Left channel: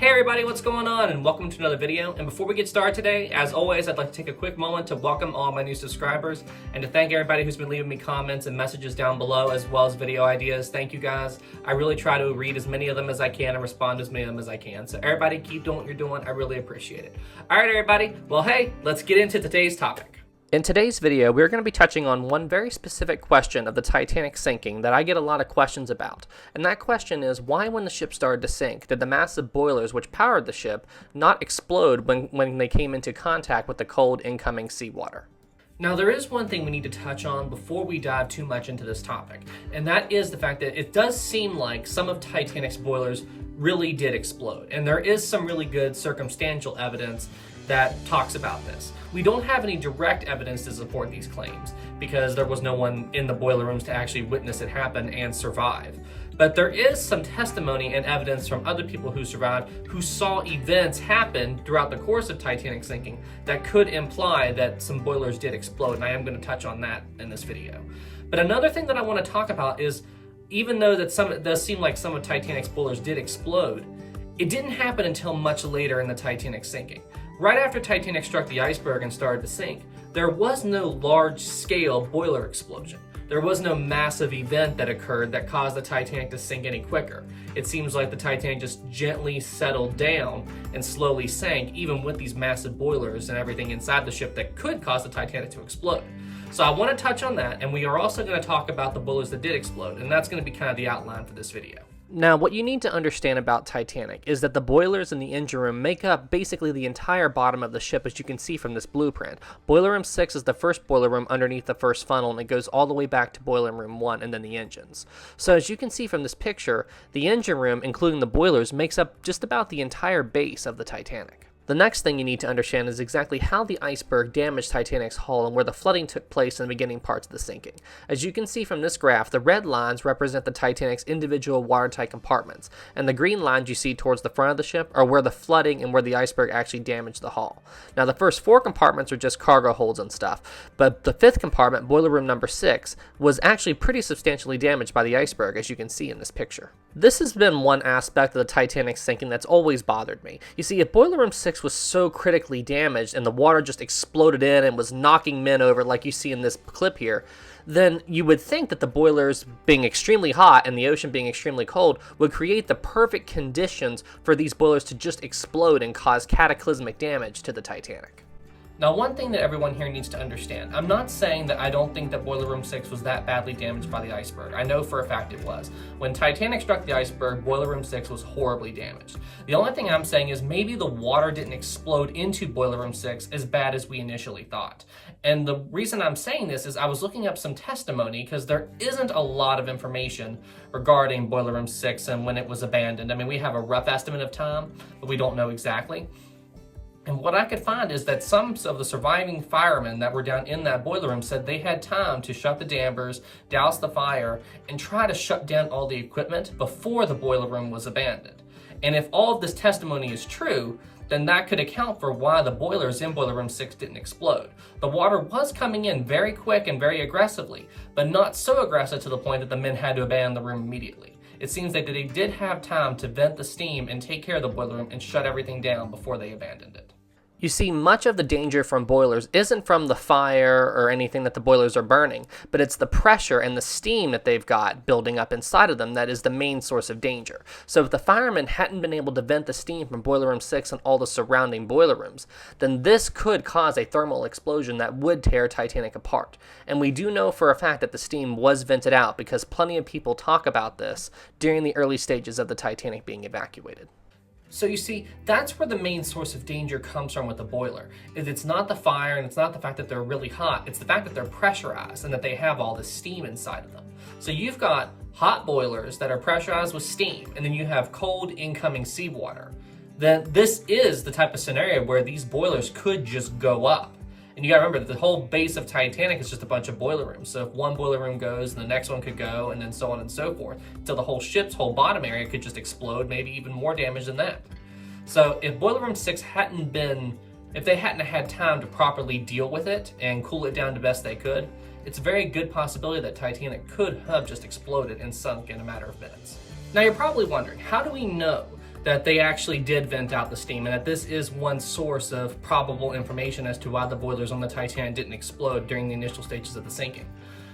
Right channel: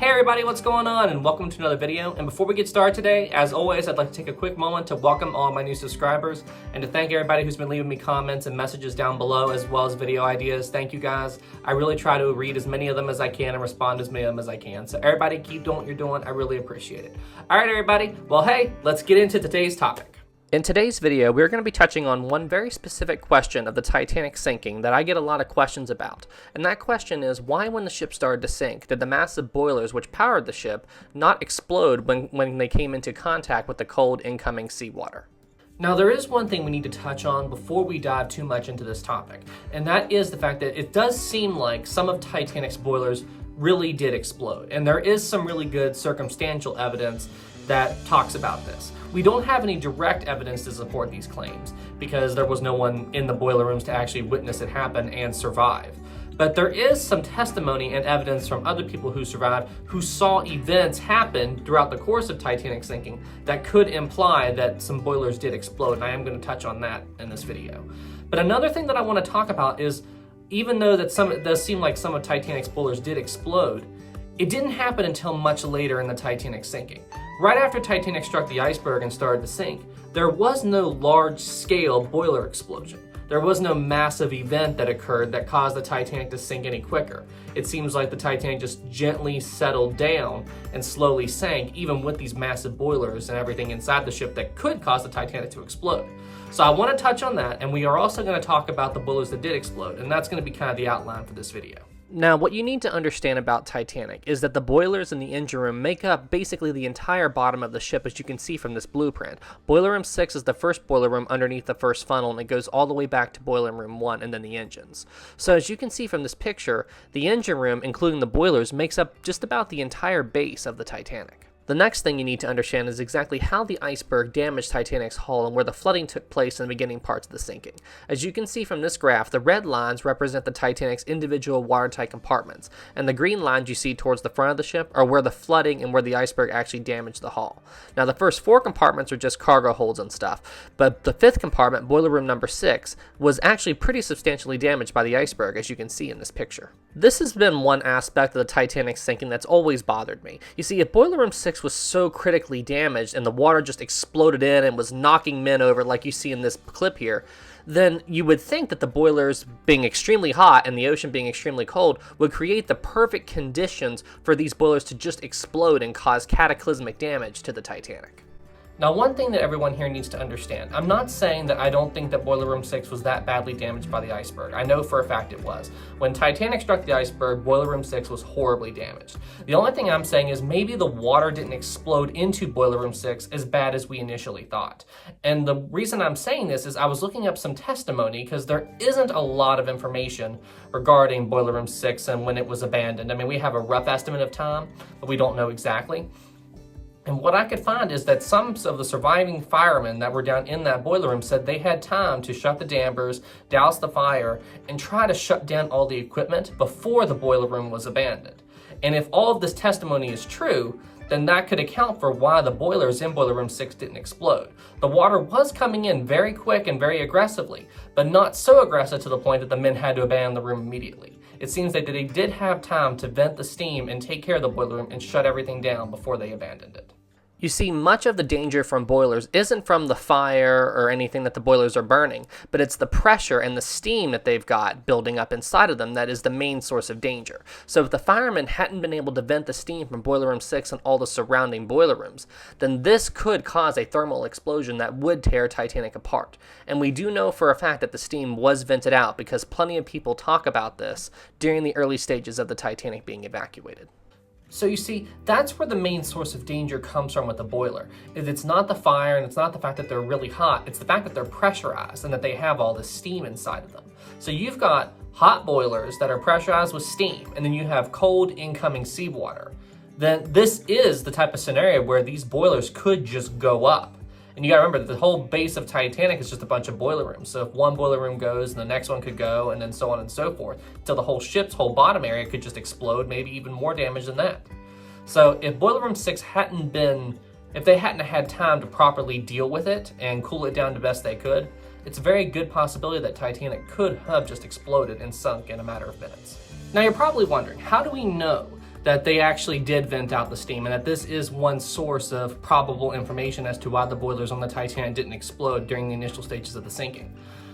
Hey everybody, what's going on? And welcome to another video. And before we get started today, as always, I'd like to take a quick moment to welcome all my new subscribers and to thank everybody who's been leaving me comments and messages down below, as well as video ideas. Thank you guys. I really try to read as many of them as I can and respond to as many of them as I can. So everybody keep doing what you're doing. I really appreciate it. All right, everybody. Well, hey, let's get into today's topic. In today's video, we're going to be touching on one very specific question of the Titanic sinking that I get a lot of questions about. And that question is, why when the ship started to sink, did the massive boilers which powered the ship not explode when they came into contact with the cold incoming seawater? Now, there is one thing we need to touch on before we dive too much into this topic, and that is the fact that it does seem like some of Titanic's boilers really did explode. And there is some really good circumstantial evidence that talks about this. We don't have any direct evidence to support these claims because there was no one in the boiler rooms to actually witness it happen and survive. But there is some testimony and evidence from other people who survived who saw events happen throughout the course of Titanic sinking that could imply that some boilers did explode, and I am going to touch on that in this video. But another thing that I want to talk about is, even though that it does seem like some of Titanic's boilers did explode, it didn't happen until much later in the Titanic sinking. Right after Titanic struck the iceberg and started to sink, there was no large-scale boiler explosion. There was no massive event that occurred that caused the Titanic to sink any quicker. It seems like the Titanic just gently settled down and slowly sank, even with these massive boilers and everything inside the ship that could cause the Titanic to explode. So I want to touch on that, and we are also going to talk about the boilers that did explode, and that's going to be kind of the outline for this video. Now, what you need to understand about Titanic is that the boilers in the engine room make up basically the entire bottom of the ship, as you can see from this blueprint. Boiler room 6 is the first boiler room underneath the first funnel, and it goes all the way back to boiler room 1 and then the engines. So as you can see from this picture, the engine room, including the boilers, makes up just about the entire base of the Titanic. The next thing you need to understand is exactly how the iceberg damaged Titanic's hull and where the flooding took place in the beginning parts of the sinking. As you can see from this graph, the red lines represent the Titanic's individual watertight compartments, and the green lines you see towards the front of the ship are where the flooding and where the iceberg actually damaged the hull. Now, the first 4 compartments are just cargo holds and stuff, but the 5th compartment, boiler room number 6, was actually pretty substantially damaged by the iceberg, as you can see in this picture. This has been one aspect of the Titanic sinking that's always bothered me. You see, if boiler room 6 was so critically damaged and the water just exploded in and was knocking men over like you see in this clip here, then you would think that the boilers being extremely hot and the ocean being extremely cold would create the perfect conditions for these boilers to just explode and cause cataclysmic damage to the Titanic. Now, one thing that everyone here needs to understand, I'm not saying that I don't think that boiler room 6 was that badly damaged by the iceberg. I know for a fact it was. When Titanic struck the iceberg, boiler room 6 was horribly damaged. The only thing I'm saying is maybe the water didn't explode into boiler room 6 as bad as we initially thought. And the reason I'm saying this is I was looking up some testimony because there isn't a lot of information regarding boiler room 6 and when it was abandoned. I mean, we have a rough estimate of time, but we don't know exactly. And what I could find is that some of the surviving firemen that were down in that boiler room said they had time to shut the dampers, douse the fire, and try to shut down all the equipment before the boiler room was abandoned. And if all of this testimony is true, then that could account for why the boilers in boiler room 6 didn't explode. The water was coming in very quick and very aggressively, but not so aggressive to the point that the men had to abandon the room immediately. It seems that they did have time to vent the steam and take care of the boiler room and shut everything down before they abandoned it. You see, much of the danger from boilers isn't from the fire or anything that the boilers are burning, but it's the pressure and the steam that they've got building up inside of them that is the main source of danger. So if the firemen hadn't been able to vent the steam from boiler room 6 and all the surrounding boiler rooms, then this could cause a thermal explosion that would tear Titanic apart. And we do know for a fact that the steam was vented out because plenty of people talk about this during the early stages of the Titanic being evacuated. So you see, that's where the main source of danger comes from with the boiler. It's not the fire and it's not the fact that they're really hot, it's the fact that they're pressurized and that they have all this steam inside of them. So you've got hot boilers that are pressurized with steam, and then you have cold incoming seawater. Then this is the type of scenario where these boilers could just go up. And you gotta remember that the whole base of Titanic is just a bunch of boiler rooms. So if one boiler room goes, and the next one could go, and then so on and so forth, until the whole ship's whole bottom area could just explode, maybe even more damage than that. So if boiler room 6 if they hadn't had time to properly deal with it and cool it down the best they could, it's a very good possibility that Titanic could have just exploded and sunk in a matter of minutes. Now you're probably wondering, how do we know that they actually did vent out the steam, and that this is one source of probable information as to why the boilers on the Titanic didn't explode during the initial stages of the sinking.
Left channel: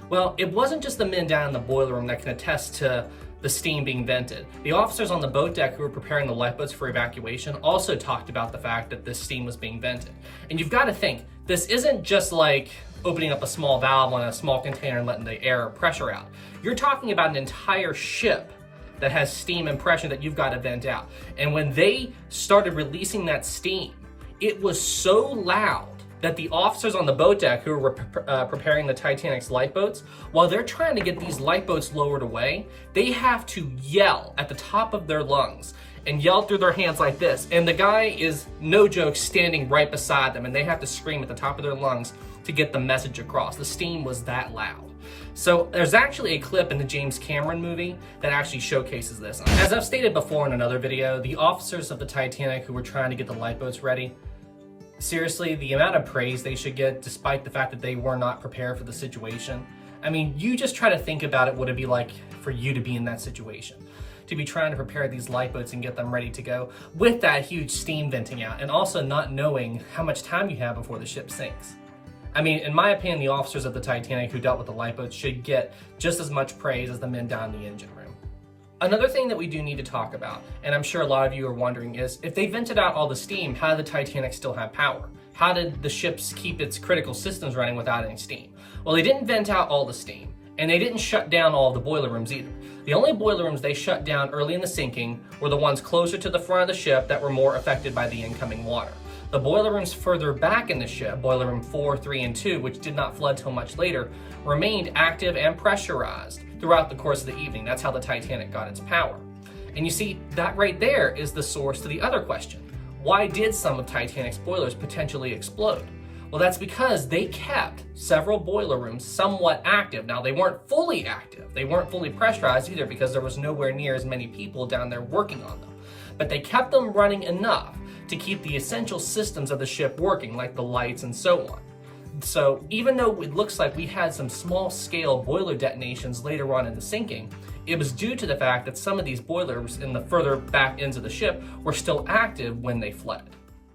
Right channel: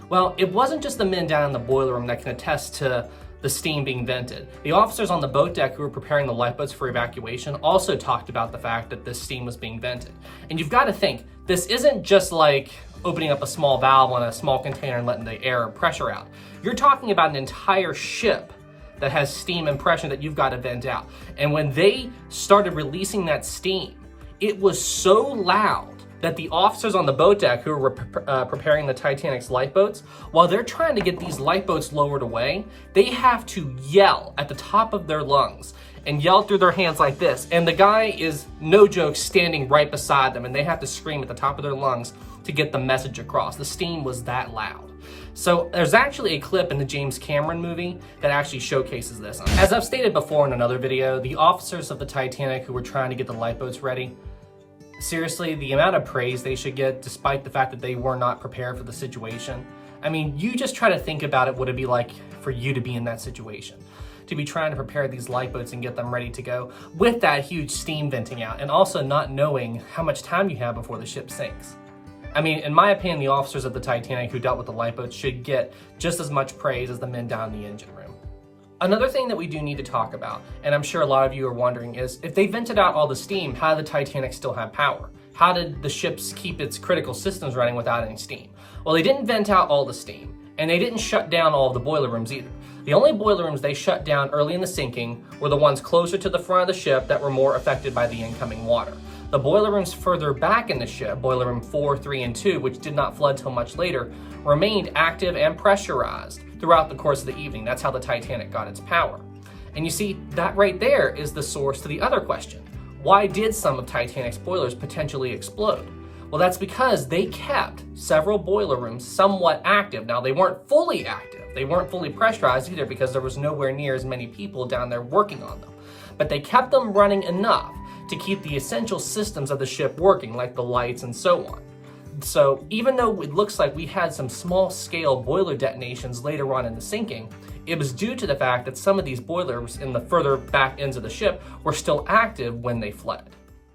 Well, it wasn't just the men down in the boiler room that can attest to the steam being vented. The officers on the boat deck who were preparing the lifeboats for evacuation also talked about the fact that this steam was being vented. And you've got to think, this isn't just like opening up a small valve on a small container and letting the air or pressure out. You're talking about an entire ship that has steam and pressure that you've got to vent out. And when they started releasing that steam, it was so loud that the officers on the boat deck who were preparing the Titanic's lifeboats, while they're trying to get these lifeboats lowered away, they have to yell at the top of their lungs and yell through their hands like this. And the guy is, no joke, standing right beside them, and they have to scream at the top of their lungs to get the message across. The steam was that loud. So there's actually a clip in the James Cameron movie that actually showcases this. As I've stated before in another video, the officers of the Titanic who were trying to get the lifeboats ready, seriously, the amount of praise they should get despite the fact that they were not prepared for the situation. I mean, you just try to think about it, what it'd be like for you to be in that situation. To be trying to prepare these lifeboats and get them ready to go with that huge steam venting out, and also not knowing how much time you have before the ship sinks. I mean, in my opinion, the officers of the Titanic who dealt with the lifeboats should get just as much praise as the men down in the engine room. Another thing that we do need to talk about, and I'm sure a lot of you are wondering, is if they vented out all the steam, how did the Titanic still have power? How did the ship keep its critical systems running without any steam? Well, they didn't vent out all the steam, and they didn't shut down all of the boiler rooms either. The only boiler rooms they shut down early in the sinking were the ones closer to the front of the ship that were more affected by the incoming water. The boiler rooms further back in the ship, boiler room 4, 3, and 2, which did not flood till much later, remained active and pressurized throughout the course of the evening. That's how the Titanic got its power. And you see, that right there is the source to the other question. Why did some of Titanic's boilers potentially explode? Well, that's because they kept several boiler rooms somewhat active. Now, they weren't fully active. They weren't fully pressurized either because there was nowhere near as many people down there working on them. But they kept them running enough to keep the essential systems of the ship working, like the lights and so on. So even though it looks like we had some small-scale boiler detonations later on in the sinking, it was due to the fact that some of these boilers in the further back ends of the ship were still active when they flooded.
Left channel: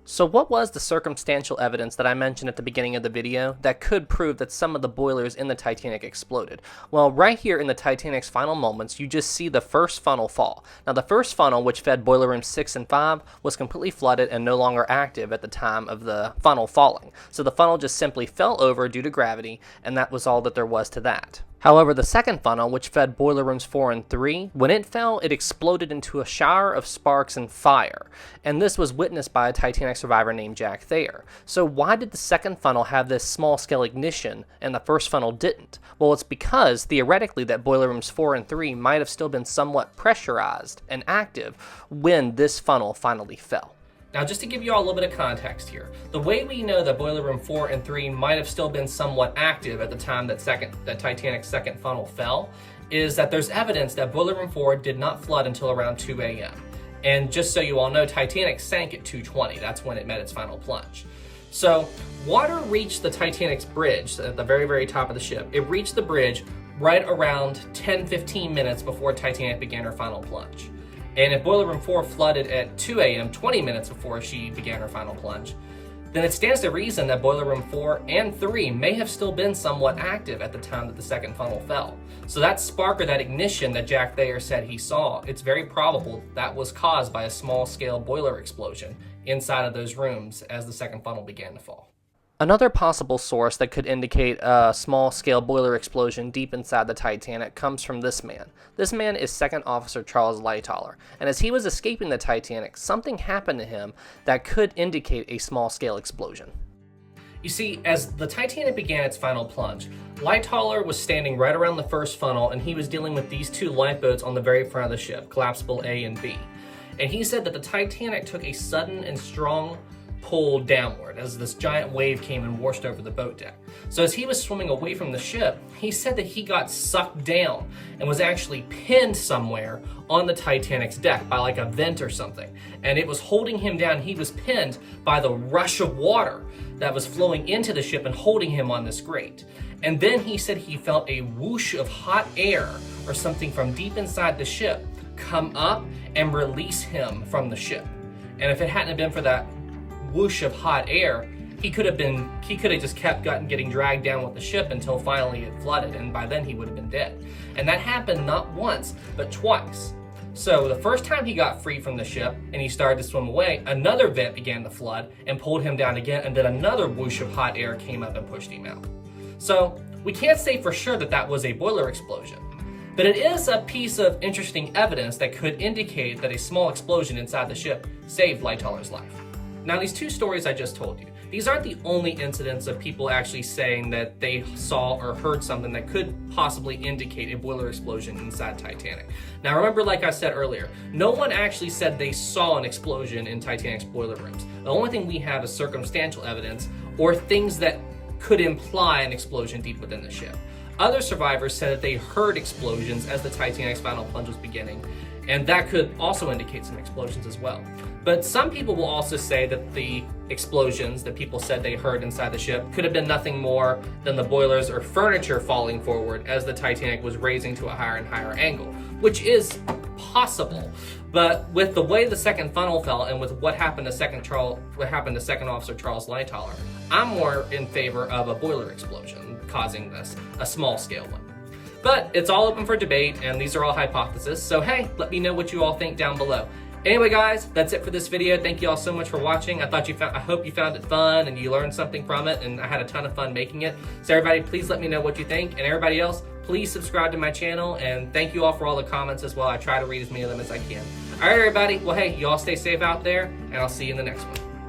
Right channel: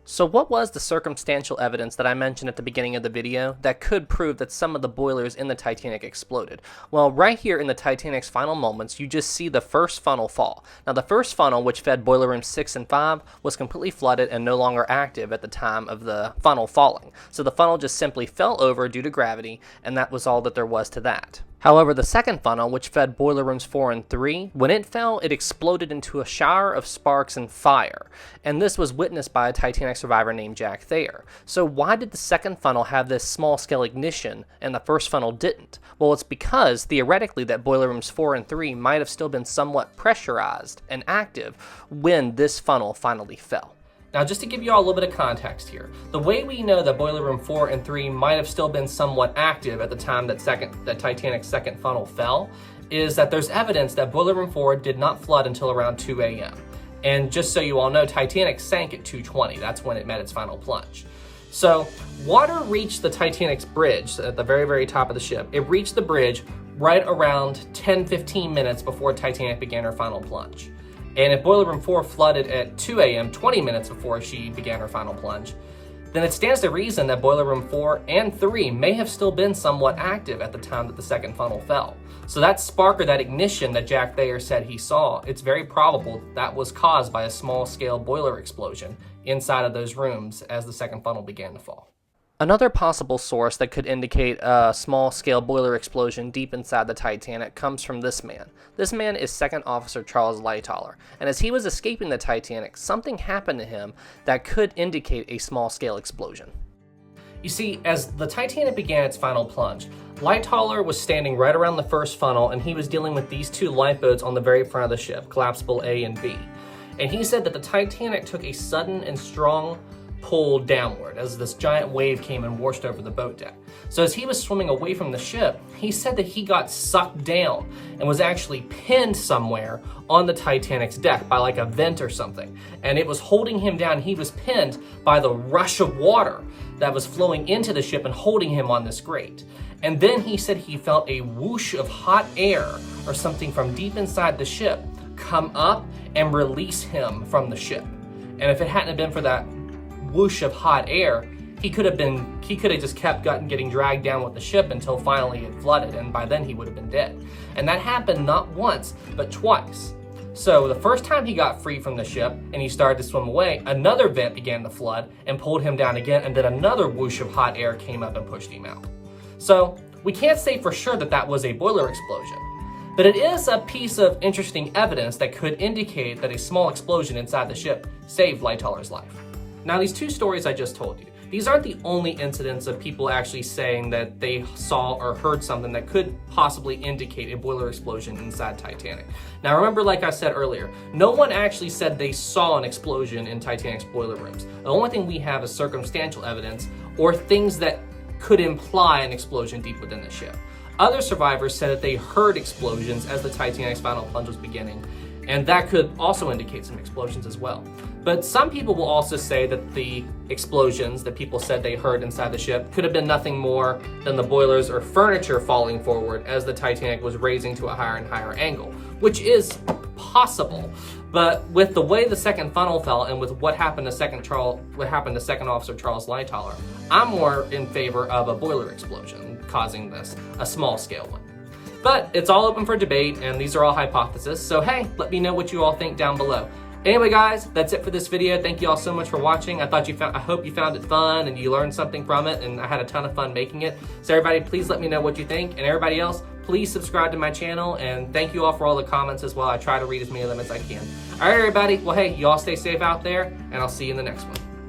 So what was the circumstantial evidence that I mentioned at the beginning of the video that could prove that some of the boilers in the Titanic exploded? Well, right here in the Titanic's final moments, you just see the first funnel fall. Now, the first funnel, which fed boiler rooms 6 and 5, was completely flooded and no longer active at the time of the funnel falling. So the funnel just simply fell over due to gravity, and that was all that there was to that. However, the second funnel, which fed boiler rooms 4 and 3, when it fell, it exploded into a shower of sparks and fire. And this was witnessed by a Titanic survivor named Jack Thayer. So why did the second funnel have this small-scale ignition and the first funnel didn't? Well, it's because, theoretically, that boiler rooms 4 and 3 might have still been somewhat pressurized and active when this funnel finally fell. Now, just to give you all a little bit of context here, the way we know that boiler room 4 and 3 might have still been somewhat active at the time that Titanic's second funnel fell is that there's evidence that boiler room 4 did not flood until around 2 a.m. And just so you all know, Titanic sank at 2:20. That's when it met its final plunge. So water reached the Titanic's bridge at the very, very top of the ship. It reached the bridge right around 10-15 minutes before Titanic began her final plunge. And if boiler room 4 flooded at 2 a.m., 20 minutes before she began her final plunge, then it stands to reason that boiler room 4 and 3 may have still been somewhat active at the time that the second funnel fell. So that spark or that ignition that Jack Thayer said he saw, it's very probable that was caused by a small-scale boiler explosion inside of those rooms as the second funnel began to fall. Another possible source that could indicate a small-scale boiler explosion deep inside the Titanic comes from this man. This man is Second Officer Charles Lightoller, and as he was escaping the Titanic, something happened to him that could indicate a small-scale explosion. You see, as the Titanic began its final plunge, Lightoller was standing right around the first funnel, and he was dealing with these two lifeboats on the very front of the ship, collapsible A and B. And he said that the Titanic took a sudden and strong pull downward as this giant wave came and washed over the boat deck. So as he was swimming away from the ship, he said that he got sucked down and was actually pinned somewhere on the Titanic's deck by like a vent or something. And it was holding him down. He was pinned by the rush of water that was flowing into the ship and holding him on this grate. And then he said he felt a whoosh of hot air or something from deep inside the ship come up and release him from the ship. And if it hadn't been for that whoosh of hot air, he could have just kept getting dragged down with the ship until finally it flooded, and by then he would have been dead. And that happened not once, but twice. So the first time he got free from the ship and he started to swim away, another vent began to flood and pulled him down again, and then another whoosh of hot air came up and pushed him out. So we can't say for sure that that was a boiler explosion, but it is a piece of interesting evidence that could indicate that a small explosion inside the ship saved Lightoller's life. Now, these two stories I just told you, these aren't the only incidents of people actually saying that they saw or heard something that could possibly indicate a boiler explosion inside Titanic. Now remember, like I said earlier, no one actually said they saw an explosion in Titanic's boiler rooms. The only thing we have is circumstantial evidence or things that could imply an explosion deep within the ship. Other survivors said that they heard explosions as the Titanic's final plunge was beginning, and that could also indicate some explosions as well. But some people will also say that the explosions that people said they heard inside the ship could have been nothing more than the boilers or furniture falling forward as the Titanic was raising to a higher and higher angle, which is possible. But with the way the second funnel fell and with what happened to Second Officer Charles Lightoller, I'm more in favor of a boiler explosion causing this, a small scale one. But it's all open for debate, and these are all hypotheses, so hey, let me know what you all think down below. Anyway, guys, that's it for this video. Thank you all so much for watching. I hope you found it fun and you learned something from it, and I had a ton of fun making it. So everybody, please let me know what you think, and everybody else, please subscribe to my channel, and thank you all for all the comments as well. I try to read as many of them as I can. All right, everybody. Well, hey, you all stay safe out there, and I'll see you in the next one.